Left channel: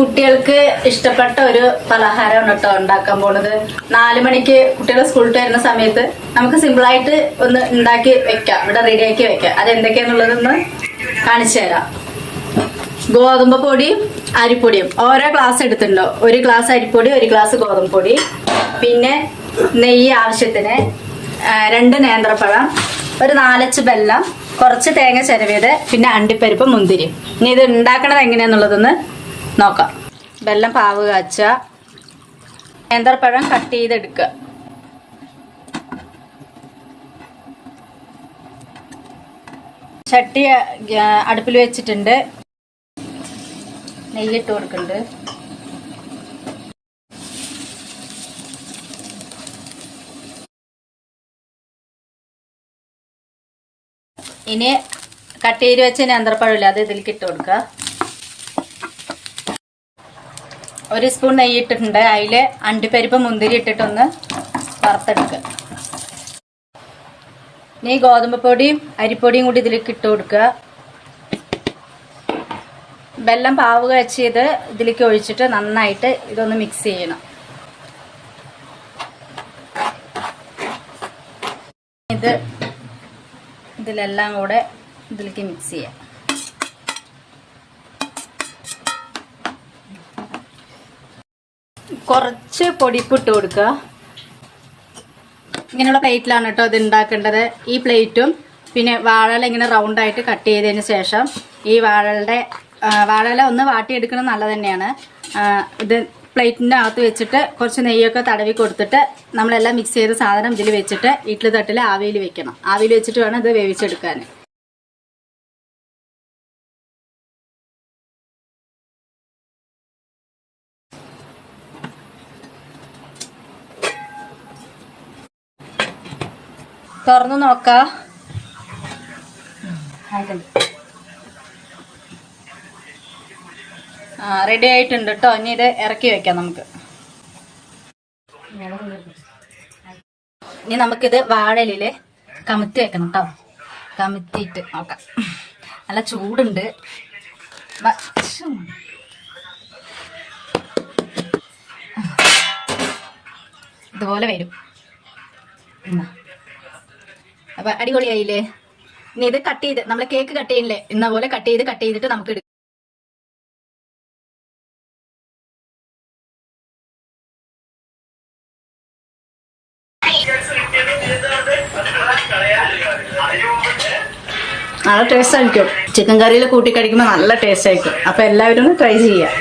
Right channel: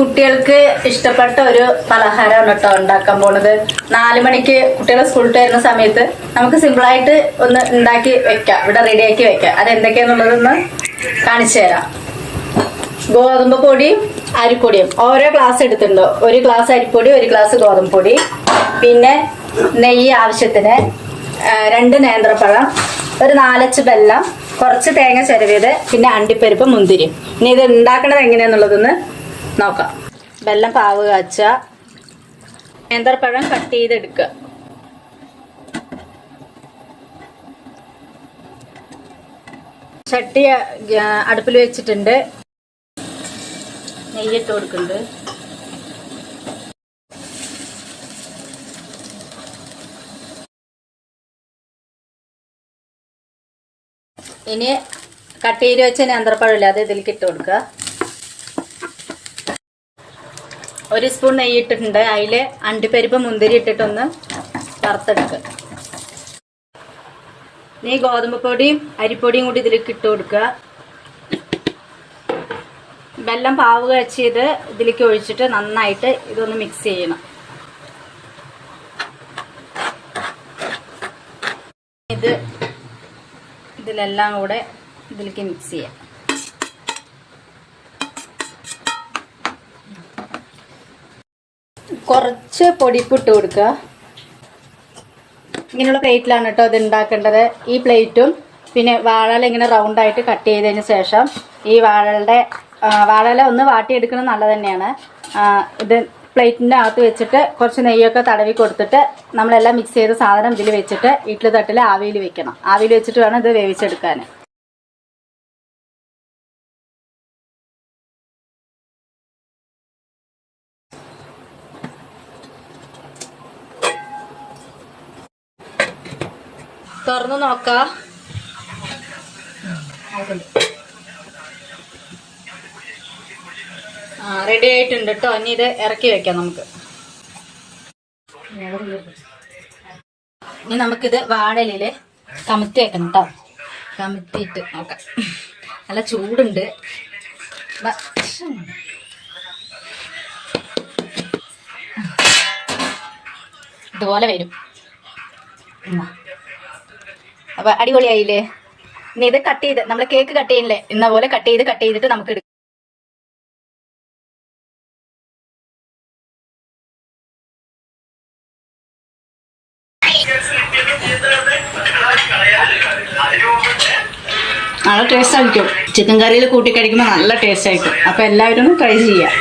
കുട്ടികൾക്ക് ഇഷ്ടപ്പെട്ട ഒരു പലഹാരമാണ് കേട്ടോ ഉണ്ടാക്കാൻ പോണത്. 4 മണിക്ക് കുട്ടികളെ സ്കൂളിൽ വരുന്ന സമയത്ത് നമുക്ക് സിമ്പിളായിട്ട് ഒന്ന് ഉണ്ടാക്കി വെക്കാം, ഇവിടെ റെഡിയാക്കി വെക്കാം. അതെന്തൊക്കെയാന്നുള്ളതൊന്ന് കാണിച്ചു തരാം. ഗോതമ്പ് പൊടിയും അരിപ്പൊടിയും ഓരോ ഗ്ലാസ് എടുത്തിട്ടുണ്ടോ. 1 ഗ്ലാസ് അരിപ്പൊടി, 1 ഗ്ലാസ് ഗോതമ്പ് പൊടി, പിന്നെ നെയ്യ് ആവശ്യത്തിന്, 2 നേന്ത്രപ്പഴം, ഒരു 4 അച്ച് വെല്ലം, കുറച്ച് തേങ്ങ ചിരവിയത്, പിന്നെ അണ്ടിപ്പരിപ്പ്, മുന്തിരി. ഇനി ഇത് ഉണ്ടാക്കണത് എങ്ങനെയാന്നുള്ളതൊന്ന് നോക്കാം. വെല്ലം പാവ് കാച്ച, നേന്ത്രപ്പഴം കട്ട് ചെയ്തെടുക്കുക. ചട്ടി അടുപ്പിൽ വെച്ചിട്ടുണ്ട്. നെയ്യിട്ട് കൊടുക്കുന്നുണ്ട്. ഇനി കട്ട് ചെയ്ത് വെച്ച നേന്ത്രപ്പഴമില്ല, അത് ഇതിലേക്ക് ഇട്ട് കൊടുക്കുക. 1 സ്പൂൺ നെയ്യ് ഇട്ടിട്ടുണ്ട്. അതിൽ അണ്ടിപ്പരിപ്പ് മുന്തിരി ഇട്ടിട്ടൊന്ന് വറുത്തെടുക്കുക. ഇനി ഗോതമ്പ് പൊടിയും അരിപ്പൊടിയും കൂടി ഇതിലേക്ക് ഇട്ട് കൊടുക്കുക. വെല്ലം പാവ് കാച്ചിയത് ഇതിലേക്ക് ഒഴിച്ചിട്ട് നന്നായിട്ട് ഇതൊന്ന് മിക്സ് ചെയ്യണം. ഇതിലെല്ലാം കൂടെ ഇതിലേക്ക് മിക്സ് ചെയ്യാം. കുറച്ച് പൊടിപ്പിട്ട് കൊടുക്കുക. ഇങ്ങനെയുള്ള പ്ലേറ്റിലാണ് കേട്ടോ ഇത് ഉണ്ടാക്കേണ്ടത്. ഈ പ്ലേറ്റും പിന്നെ വാഴല ഇങ്ങനെ റൗണ്ടായിട്ട് കട്ട് ചെയ്തതിന് ശേഷം ഈ വാഴല ഒന്ന് വാട്ടിയെടുക്കണം, നല്ലത് തന്നെയാണ്. ഇത് പ്ലേറ്റിൻ്റെ അകത്ത് വെച്ചിട്ട് കുറച്ച് നെയ്യൊക്കെ തടവി കൊടുത്തിട്ട് നമ്മളെല്ലാം മിക്സ് ചെയ്ത സാധനം ഇതിൽ വെച്ചിട്ട് ഇഡ്ഡലി തട്ടിൽ ആവിയിൽ വെക്കണം. ആവിയിൽ വെച്ചിട്ട് വേണം ഇത് വേവിച്ചെടുക്കാൻ. തുറന്നു നോക്കാം. റെഡി ആയിട്ടുണ്ട് കേട്ടോ. ഇനി ഇത് ഇറക്കി വെക്കാം നമുക്ക്. ഇനി നമുക്കിത് വാഴയില് കമത്തി വെക്കണം കേട്ടോ. കമത്തിയിട്ട് നോക്കാം. നല്ല ചൂടുണ്ട്. ഇതുപോലെ വരും. അപ്പൊ അടിപൊളിയായില്ലേ? ഇനി ഇത് കട്ട് ചെയ്ത് നമ്മൾ കേക്ക് കട്ട് ചെയ്യില്ലേ, ഇന്ന പോലെ കട്ട് ചെയ്തിട്ട് നമുക്ക് എടുക്കാം. നല്ല ടേസ്റ്റ് ആയിരിക്കും. ചിക്കൻ കറിയിൽ കൂട്ടി കഴിക്കുമ്പോൾ നല്ല ടേസ്റ്റ് ആയിരിക്കും. അപ്പൊ എല്ലാവരും ട്രൈ ചെയ്യാം.